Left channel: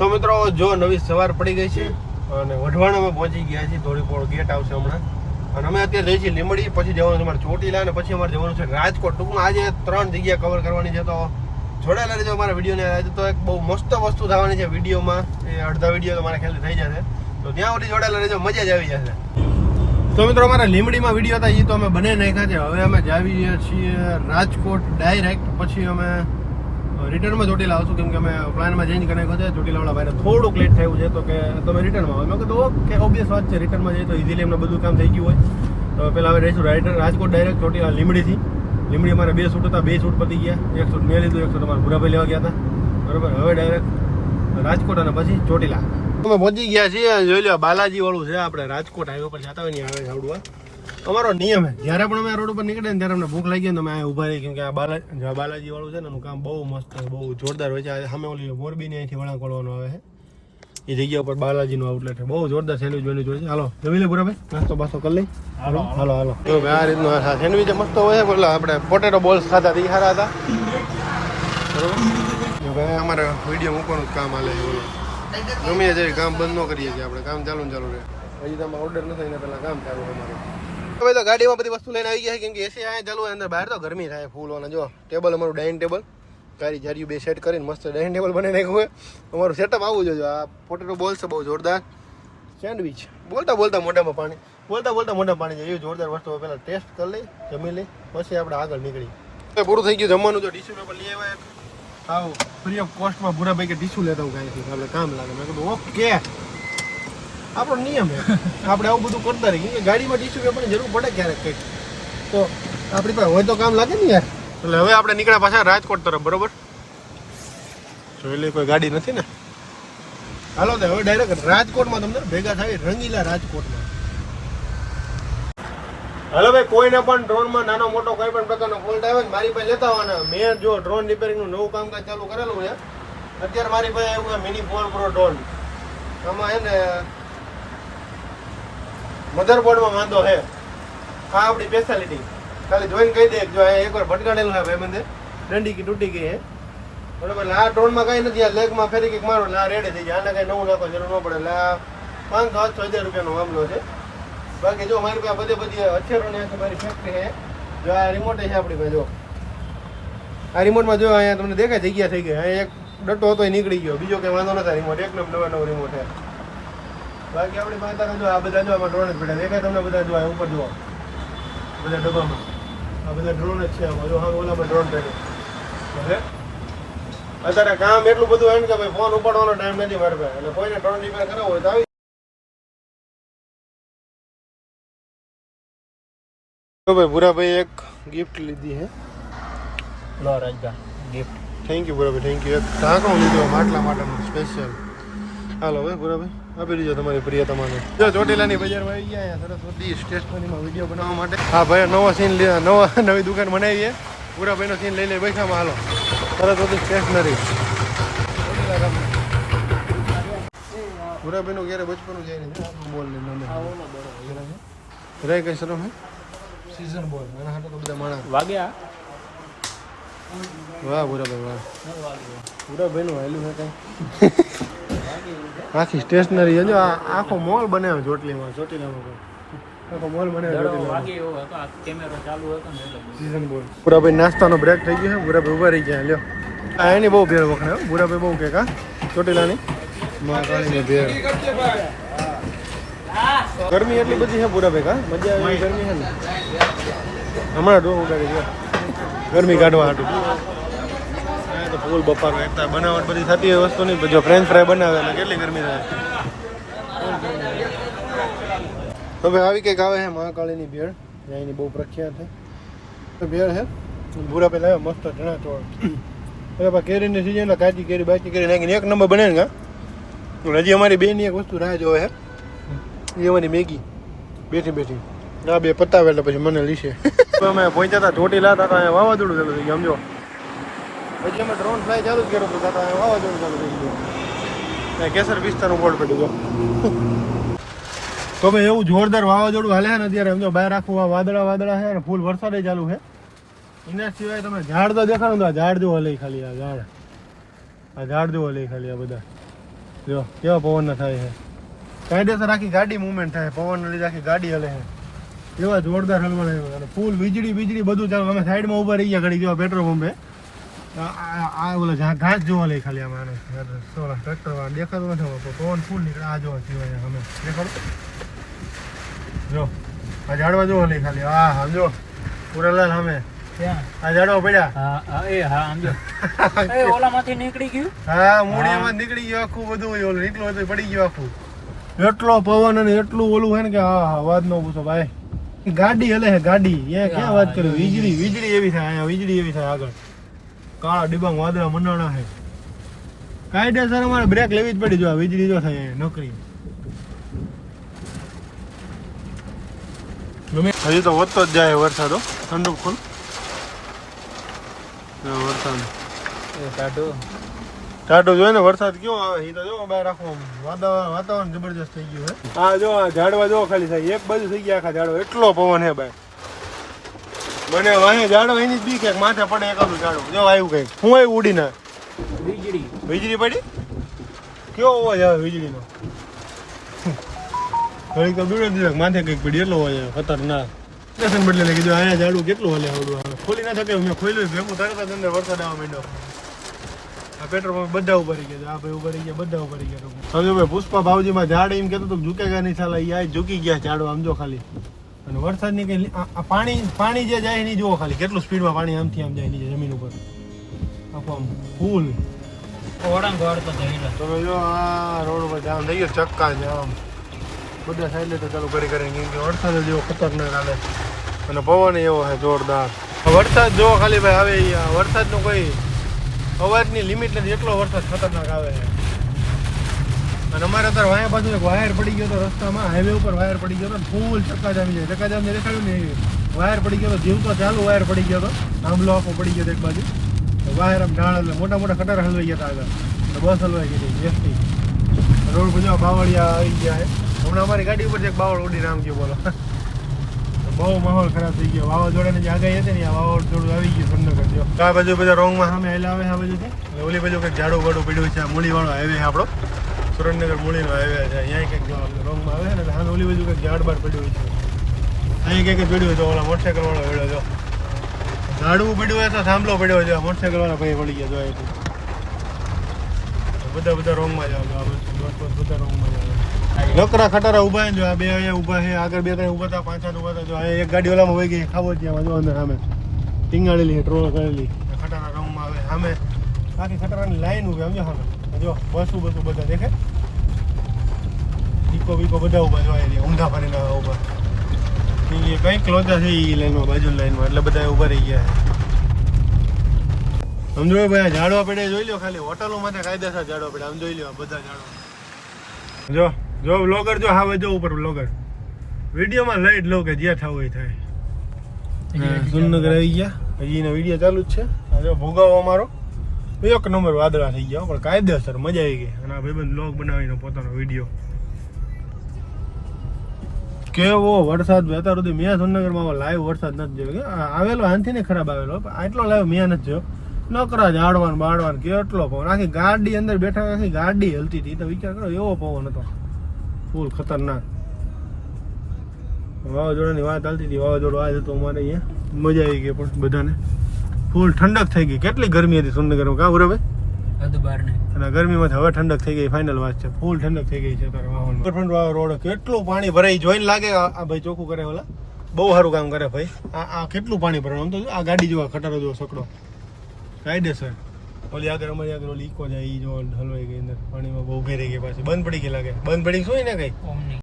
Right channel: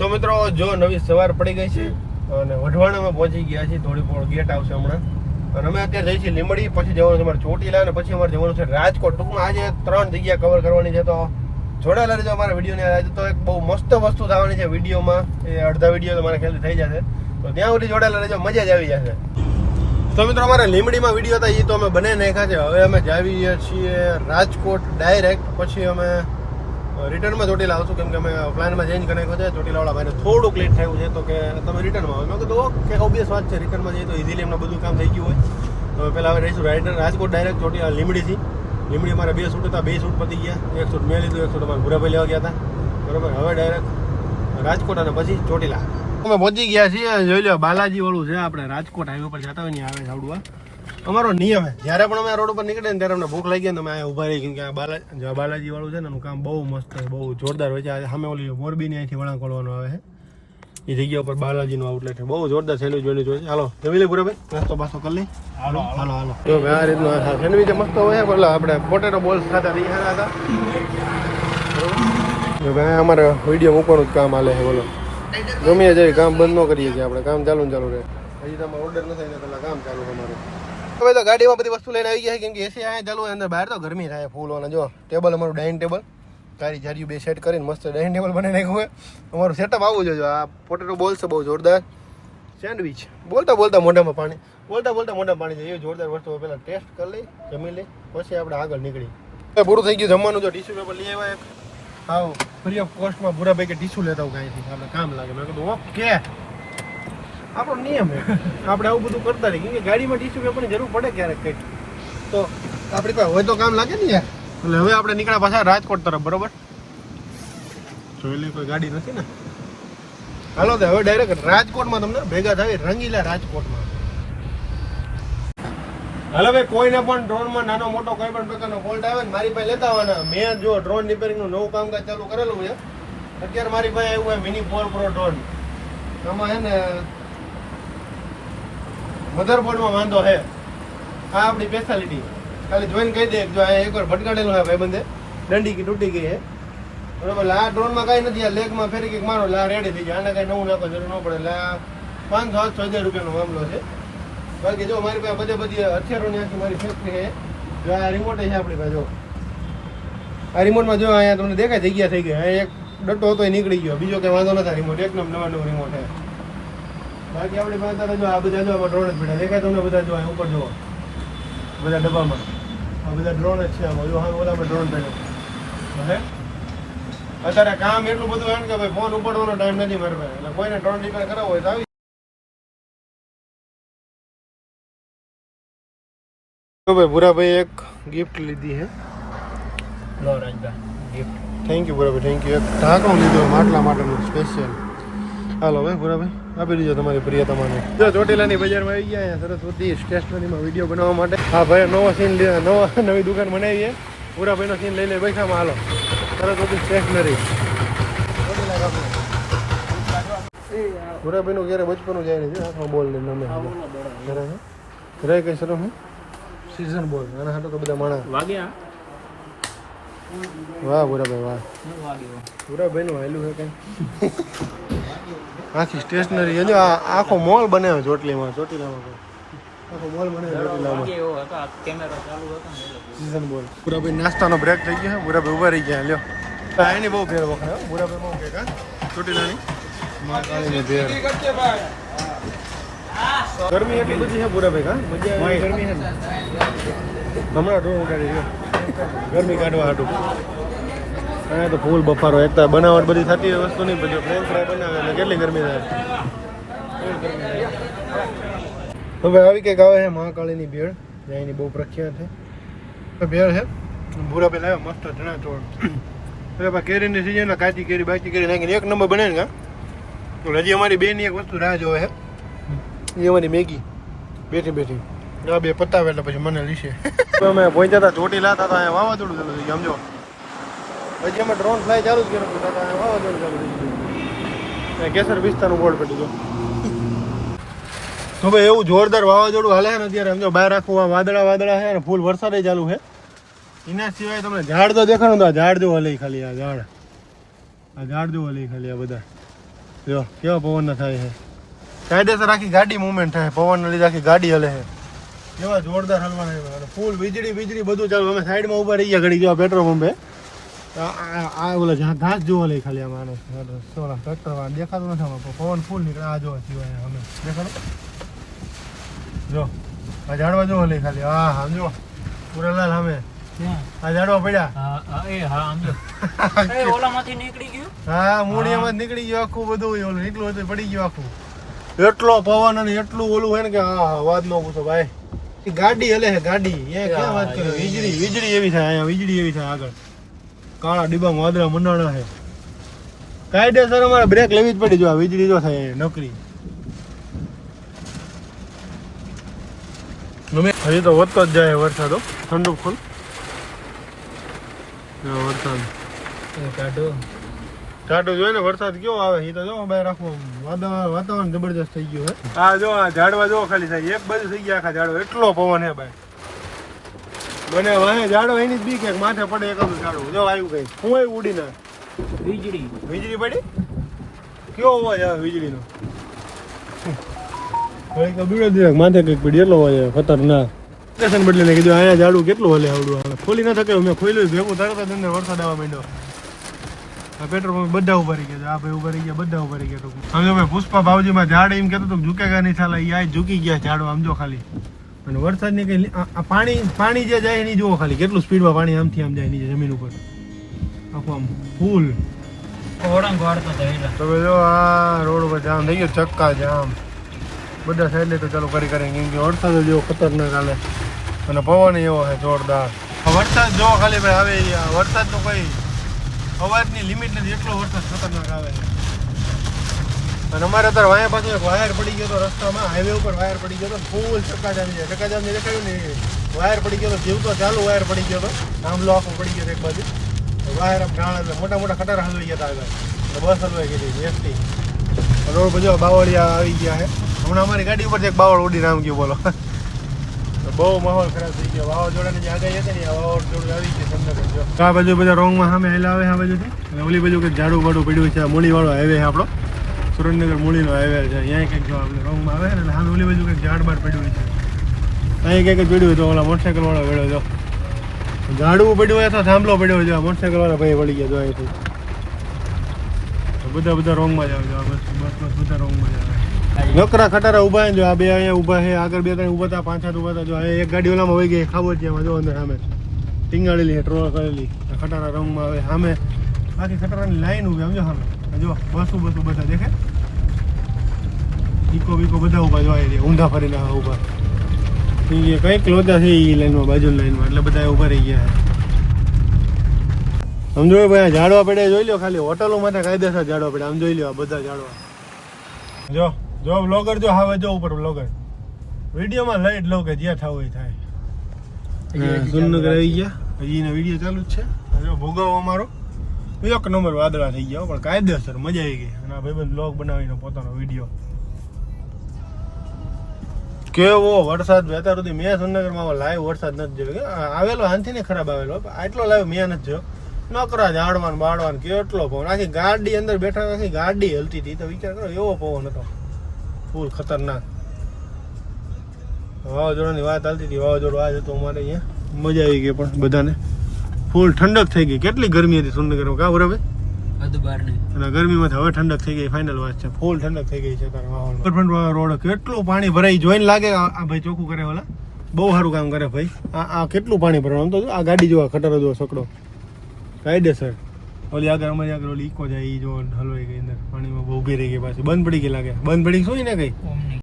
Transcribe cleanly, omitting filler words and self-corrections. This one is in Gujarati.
તો મિત્રો જો નવી સવાર પડી ગઈ છે અને વઢવાણામાં પહોંચી ગયા છીએ. ધોળીપોળ ગેટ આવશે હમણાં અને અમે અત્યારે જઈએ છીએ લીંબડી, પછી જવાનું છે અમારે ચોટીલા અને પછી અમારે જવાનું છે રાજકોટ. ટૂંકમાં આજે 3 જગ્યા કવર કરવાની છે, તો જોડાયેલા રહેજો અમારા વિડીયોને. આજે તો એક બહુ મસ્ત વસ્તુ થવાની છે વિડીયોમાં, અડધા વિડીયો તો મારા ખ્યાલથી થઈ જશે, તો ત્યાં સુધી જોડાયેલા રહેજો, મજા જ આવી જશે. તો મિત્રો અમારા લીંબડીમાં વિડીયો હતા એ તો અમે બનાવી નાખ્યા છે. હવે અમે જાવીએ છીએ રાજકોટ ડાયરેક્ટ, પછી અમે રિટર્નમાં ચોટીલા આવશું, કેમ કે અમે પ્લાનમાં ચેન્જ કરી નાખ્યો છે. ચોટીલાવાળા ભાઈને થોડુંક લેટ થયું છે, તો કે તમે રિટર્નમાં હોય. મેં કીધું ઓકે, ઓબ્વિયસ વાત છે, રિટર્નમાં જઈએ તો ઇઝીલી એમને બધું કામ થઈ ગયું હોય. તો પહેલાં હવે રહીશું રાજકોટ ડાયરેક્ટ ચોટીલા લીંબડીથી. લીંબડી અમારે 2 શૂટ હતા, 2 શૂટ પતી ગયા. 1 શૂટ મેં લીધું, 1 શૂટ અમારે ભૂરાભાઈ લેવા ગયા હતા, બરાબર. હવે ડાયરેક્ટ રાજકોટ અને પછી ચોટીલા અમે પહોંચી ગયા છીએ. જોઈ લો બાલાજી વાળું છે, આપણે રાજકોટ હાઈવે પર જતા હોય ને આવે સાવડવા. અમારો નિયમ છે, જ્યારે પણ અમે રોડ ઉપર નીકળે ને ત્યારે અમને ભૂખ લાગી ને તમે અહીંયા ઊભા રહી, કેમ કે આ બાલાજી વાળું છે ને એનું કામ બહુ મસ્ત છે, બહુ જોરદાર હોય છે. સામે ઓલી મોરબીની અહીંથી વળાંક વળવાનું આવે છે, એ જગ્યા ઉપર બાલાજીનું આઉટલેટ છે. બહુ જોરદાર સેન્ડવિચ બની જોઈએ. હાલો જમી લે બરાબર, નાસ્તો બાસ્તો કરી લઈ. હાલો હાલો હાલો. તો આ રીતનું સેન્ડવિચ મસ્ત હોય. બોલો આપણે પોટેટો બોલ્સ ખાતા એ સારા હતા, બરાબર. અમારે વિડીયો મૂકવાનું જ કામ હાલે છે. બોલો ગમે જાય કામ બંધ ન કરીએ કે આપણે કામ ચાલુ ને ચાલુ રહે. હજી તમારે ઓર્ડર નથી થઈને પહેલાં કામ ચાલુ અમારું. હવે તો ગાડીમાં બધી વસ્તુ લઈને આવી ગયા છે, કેમ કે એસી અહીંયા ચાલુ હોય, અંદર બહાર તો ગરમી થાય ફૂલ. અને જો ટેબલ અમારું ડાઇનિંગ ટેબલ, ગાડી જારી બે સેટ કરીને મસ્ત ડાઇનિંગ ટેબલ બનાવી નાખ્યું હોય. અમારું સેટઅપ આવું જોઈએ. આ પોટેટો બોલ્સ બહુ જોરદાર સેન્ડવિચ. બોલતા બોલતા મોઢામાં પાણી જાય એવી જોરદાર વસ્તુ હોય. પહેલાં ટેસ્ટ કરી લઈ, જમી લઈ, પછી આપણે આગળ નીકળી. પૂરું થઈ ગયું જમવાનું. જો ટીશ્યુ પેપર લઈ આવ્યા એક, હા ફ્રી ઓફ કોસ્ટમાં ભૂરાભાઈ કે ટીશ્યુ લેતા હું કાંઈ આપણે કામ લાગે. મેં કીધું ઓકે, આપણો નિયમ છે, આપણે આવું બધું કરતા રહીએ, કેમ કે ગાડીમાં ટીશ્યુ પેપરની જરૂર પડે ક્યારેક કંઈક, તો આપણી પાસે હોય તો કામ લાગે ને યાર. એટલે હવે આપણે નીકળ્યા પાછા રાજકોટ તરફ, બરોબર. જોઈ લે કોઈ ગાડી નથી ને. હાલો તો હવે ડાયરેક્ટ રાજકોટમાં તમને ભેગા થાય, રંગીલા રાજકોટમાં. હાલો ભાઈ, કોઈને પણ ડ્રોનમાં નાનો મોટો કોઈ પણ પ્રકારનો ફોલ્ટ આવે ને મારી પાસે લેતા આવવાના. મેં જો ડ્રોન રિપેરિંગનું નવું કામકાજ ચાલુ કરેલું છે અત્યારે. મારી પાસે આવ્યું હોય મિની 4 Pro ડ્રોન. આમાં છે ને મધરબોર્ડમાં વાંધો છે. આ આપણી સ્પેશિયાલિટી ખાલી જોઈને કહી દે, જો અહીંયા એકવાર ભટકાડેલું છે ભાઈ બંને, દંડી તૂટી ગઈ છે, બરાબર. આ ડ્રોનમાં કાંઈ નથી, આ લેગમાં ફેરી કંઈક મારો લા રેડી થઈ જાય. આને કાંઈ નવું નાખો જરૂર ન પડે. એટલે આ 500-800 રૂપિયાનો મામલો છે. બાકી જો મારી પાસે બધી હથિયારોની મારી ફેક્ટરી છે. જો આ રિમોટ છે આપણી પાસે. જો આ રિમોટમાં જો અહીંયા તમને દેખાય જગ્યા થઈ ગઈ. અહીંયા એક ડટ્ટો હતો એ નીકળી ગયો, બીજો કંઈ વાંધો નથી. રિમોટ એકદમ નવા રિમોટ છે. બાકી આપણી પાસે જો આ બધા જો આમાં ડ્રોન જ બેઠા દેખાય તમને બધા. જો ઉપર જુઓ બધા ડબ્બામાં આ બધા ડ્રોન જ છે. આમાં જો હા ઓલામાં ડ્રોન પડ્યો. હવે અત્યારે કામ એટલું બધું હોય ને કે ભાઈ ફોન ઉપાડવાનો ટાઈમ નથી મારે પાસે. એટલે કોઈને ડ્રોન રિપેર કરાવવો હોય તો આવી. ભાઈ ભૂરાભાઈ એક ગિફ્ટ લીધી છે. લો Rajda gift. Thank you Bhurabhai, thank you. એક ઢાંકણું લીધું માટલા માટેનું સ્પેશિયલ. હાલો ભાઈ ભૂરાભાઈ, આપી દીજો તમારી પ્રિયતમાને. જો ચોટીલાની બજારમાં આવી ગયા અહીંયા સરસ્વતી સ્ટેશનરીમાં વિડીયો બનાવવા માટે. હા ભાઈ નવો સીન નવી દુકાન બનાવી છે. ભૂરાભાઈનો સીન લઈ લે પૈસામાં. હાલો સરસ્વતી સ્ટેશનરી. ભૂરાભાઈનું ક્યારે બચપનું જાય નહીં. બોલ લઈને અમે રહે કઈ સર હે સીઝન બોલ. આના હાટો તો બધા માણા વાગ્યા. વાહ ભૂરાભાઈ વાહ. ભૂરાભાઈનું હાયલું છે કઈ. આખી સ્ટેશનરી છે. જો આખો મોલ બનાવ્યો ચોટીલામાં. આખો મોલ બનાવ્યો ચોટીલામાં. સીઝન બોલ. ભૂરાભાઈ નાસ્તાનો બ્રેક થઈ ગયો છે. ભૂરાભાઈ ઉભા રહી ગયા. લ્યો એની બહુ ભેર વખણાય. ભૂરાભાઈ બહુ કે કા ચોટીલાની મહાકાળીની ભેર. ગરમી એટલી બધી છે ભૂરાભાઈ, કા મજા આવે ગરમી છે ને. હમણાં જો ઉડાડી છે ગરમી કાઢવા હાટું. હા તો ફૂલ બફારો. એક તો બનાવટ બધી થતી હોય વસ્તુ નહીં, જો ફ્રેન્ચ ફ્રાય બનાવે એટલે કેટલી ગરમી થાય. હવે આવી કંઈક આવે છે મહાકાળીની ભેળ, એની બહુ પ્રખ્યાત છે ભેળ છે. ભૂરાભાઈ લાવ્યો મસ્ત ચણા ચોળ. હવે કેરીની સિઝન એટલે કાચી કેરી બાચી કેરી નાખીને એક નંબર બને ને. હજી અમારી બેની એક વસ્તુ રાહ જોવે છે, એ અમારી મેગી બેઠી. આ બે પતાવે એટલે પછી મને લીશે. અમે પહોંચ્યા હતા ચોટીલા હતા, અહીંયા વાવાઝોડું ચાલુ થઈ ગયું. સમજો હજી અમે ડ્રોન ફ્લાય ચાલુ જ કર્યું હતું, વાવાઝોડું ચાલુ થઈ ગયું. કેસર પિસ્તાનું બોર્ડ પડ્યું. તો ભાઈ એવું જોરદાર વાવાઝોડું હાલે છે ને અત્યારે. સમજો બહાર આખું વાદળા છે અને ફૂલ વરસાદ ચાલુ છે. એના સિવાય તમને ઝાડ તો દેખાડો તો ઝાડ જેવો હલે ખાલી. આ ઝાડ જેવો હલે ખાલી. આ બધા જો કેવા પવન થાય છે, કાયદેસર આખી ગાડી મૂવમેન્ટ થાય, પવન લીધે આખી ગાડી હલે છે, એવા જોરદાર હલવાના અને ફૂલ વીજળી બધું ચાલુ. અમે સાઈડમાં ઉભા રહી ગયા ઘડી, જો પેટ્રોલ પંપે આ ઓલા જ્યાં ઘાસ જોવા લઈ ખાલી આમાં ટ્રેક્ટર વાળા દેખાતું નથી, પવન ફૂલ નીકળે. આ જોવા અમે દેખાડો, જો આ ઝાડવા જોવા લઈ ખાલી. હા જો પૂરા લાલ સામે આ ઝાડવા પડ્યા. હા મૂળિયામાં નીકળી ગયું આખું બધું, ઓલું નીકળું હતું પડી ગયું આખું. એટલો પવન અને એટલું ઓલું હોય ને કે હા વાત ન પૂછો ભાઈ. ગાડી હલે છે ગાડી, અહીંયા ક્યાં વાત કરી. વીજળી એવી થાય, અહીંયા વીજળી એવી થાય આગળ. કાળા ડિબાંગ વાદળા મંડાણા છે, કાયદેસર અમારે બ્રેક લેવી જ પડી. જો આ વીજળી જો થાય નકરી. હજી તો વધતો જ જાય વરસાદ, ઠંડુ ફૂલ વરસાદ ટાટો જોયે ને વરસાદ કેવો આવે એ તો જો બહાર રાખવું. વાતાવરણ જબરજસ્ત થઈ ગયું છે. હા જો આ ઝાડવા જો ખાલી થાય, એક બાજુ થઈ ગયા આખા ઝાડવા, એટલો પવન છે ભાઈ. બને વાહે ઝાડો એની જ બી ક્યાંક માથે પડે એકાદું ઝાડો. જો આવ્યું કઈક શું આવ્યું ઉડીને વીજળી પડી. કેવો અવાજ આવે વીજળીનો, ઘડી તો બીડો દિવસ માથે કંઈક પડી, એટલો અવાજ આવે ખતરનાક. સ્ટેશન બદલે ને કીધું અહીંયા ઝાડું કેટલું હલે આવડું ખોલી ના શકે. મેં ખોલ્યું ભેગું તરત જ અંદર વરસાદ આવવા માંડ્યો. આ પેટ્રોલ પંપ બધા ઉભા રહી ગયા, આ ભાઈ ઉભા રહી ગયા, બધા ઉભા રહી ગયા. સમજો ભાઈ પુષ્પા બાવજીમાં ઝાડ એમ કહેતો ઝુકેગા નહીં સાલા, આ ઝૂકી ગયા ઝાડો આમ જો ખાલી. અને વરસાદની કઈ પાણી જે જાય એની જુઓ ખાલી કેટલું સ્પીડમાં પાણી આમથી આમ જાય નીચે જમીન ઉપર આખું આમ ફૂલ. તો જો આ રોડ ઉપર જામ થઈ ગયો, ચક્કા જામ બધા સાઈડ તો ચાલુ કરી કેમ કે વરસાદ જેવો ખતરનાક હાલે અને પવન એવો છે જોરદાર. વરસાદ જો ખાલી ભાઈ આવે, વરસાદનો કોઈ અવાજની લિમિટ નથી, એટલો વરસાદ ખતરનાક આવે છે. અને અમારે અત્યારે વાયા પાસે વાયર પડી ગયો હતો રસ્તામાં, હાઈવે ઉપર વાયર પડી ગયો હતો, ફૂલ ચક્કાજામ જાય. ચક્કાજામ ને દેખાયું ને વાયર પડી ગયો હતો, જીવતો ચાલુ વાયર પડી ગયો હતો, આંબલો આખો પડી ગયો એક બાજુ. વાયર આમ ઢાળ એટલે મોટા ખટાર હલવાઈ ગયા હતા આગળ, બસ હલવાઈ ગઈ એસટી. રોડ બધો બાવળિયા આવી ગયા છે. હમણાં અમારી ગાડી ઉપર એક બાવળ ઉડીને આમ ગયું, બોલો બહુ માહોલ ખરાબ થઈ ગયો. વાવાઝોડાની જે આગાહી હતી ને આ વાવાઝોડું આવી ગયું સુરનગર. જો આ બાજુ બધા રોંગમાં સામે હેલા આવે, આ બાજુથી અને ઓલી બાજુ કંઈક ઝાડું બાડું પડ્યું છે. મૂળીવાળો હાઈવે છે આપણો, સુરેન્દ્રનગર મૂળીનો હાઈવે છે. અહીંયા કંઈક જો આપણે રોંગમાં આવે ને સામે ઓલી બાજુ કંઈક ઝાડ બાડ પડ્યું છે. અહીં કંઈક પડ્યું તો ઓલા મોટરસાઇકલ વાળો વેળો જો ઝાડવું પડ્યું હોય તો થાંભલો પડ્યો છે. મોટરસાઇકલ વાળા ભાઈ પડી ગયા જો અહીંથી. બધા રોંગમાં જ આવે, બધા રોંગમાં જ આવે. નકરા ખટારા ઉભા છે, જો આ બે અહીંયા ઉભા છે, આગળ બે ત્રણ ઉભા હતા, 5-7 ઉભા હતા. જો એક ગાડી ઓલામાં વહી ગઈ ખાબોચિયામાં, જો અંદર સામે ટીંગાળેલી છે, ટ્રોલ કરેલી ખટારા રંગમાં આવે. સામે આખી ખટારાની લાઈન ઉભી સમજો સામે. જો બસો બધા દેખાય, ઈકો બીકો બધા ઉભા જો અહીંયા ઊંધા ફરીને ઉભા. કંઈક લોચા છે એ લાઈનમાં, બાજુની લાઈનમાં, એટલે બધા ઉભા રહી ગયા છે. સમજો ભાઈ ઝાડવા પડે જોઈ લો, ખાલી હોટલો માટે કાયદેસર ઝાડવા પડે. આમ જોઈ લો બધા ઝાડવા. જો બ્લોગર જો હવે જો ઉપર બ્લોગર વિડીયોમાં લઈ જ લો કે જે થવું એ થાય. સુરનગર આવી ગયા, હજી એનો વિડીયો ચાલુ જ છે. જો ભોગાવો અમારો એક નંબર વાદળા થઈ ગયા, પણ કાયદેસર મજા આવી ગઈ. અને આ ભાઈબંધ બ્લોગ બનાવીને પોતાનો વિડીયો. કેવો વરસાદ અત્યાર સુધી મેં સુરનગરમાં લાઈવ વરસાદ નથી જોયો. આવેલો આનથી ને ખરાબ આવેલો, આટલો લાઈવ મેં નથી જોયો. નકરા ઝાડવાન બાળવાન કેટલો પવન, આખી ગાડી અંદર બેઠા, આખી ગાડી હલતી હતી. તો વિચાર કરો એવો પવન હતો, ફૂલ ખતરનાક. વાવાઝોડાની વાત ચાલતી હતી, વાવાઝોડું આજ હતું અમારે અહીંયા. મજા આવી ગઈ પણ બધાને, ફૂલ ઠંડક થઈ ગઈ. કેટલી ગરમી હતી સુરનગરમાં, કાં બરાબર? અને ગરમીમાંથી હવે ઠંડક થઈ ગઈ, ફાઇનલ વાત છે. ફૂલ ઠંડક થઈ ગઈ છે અત્યારે માહોલ. રોડ કેટલું પાણી ભરાઈ જોઈને લાગે. આ ભાઈ ચોખ્ખું કરે ઓલા, બહુ સારું કામ કરે ભાઈ. આ કેટલું પાણી ભરવાનું તો આ ગાડી જોવા ખટારો જોવા સકડો કાયદેસર. ઓલી આગળ અમારી આગળ ઓલી ઈકો જાય એ જો હલવાઈ ગઈ અંદર પાણીમાં, બહુ ઉભી રહી ગઈ પાછી, બંધ પડી ગઈ લાગે. બંધ પડી શું ને કઈ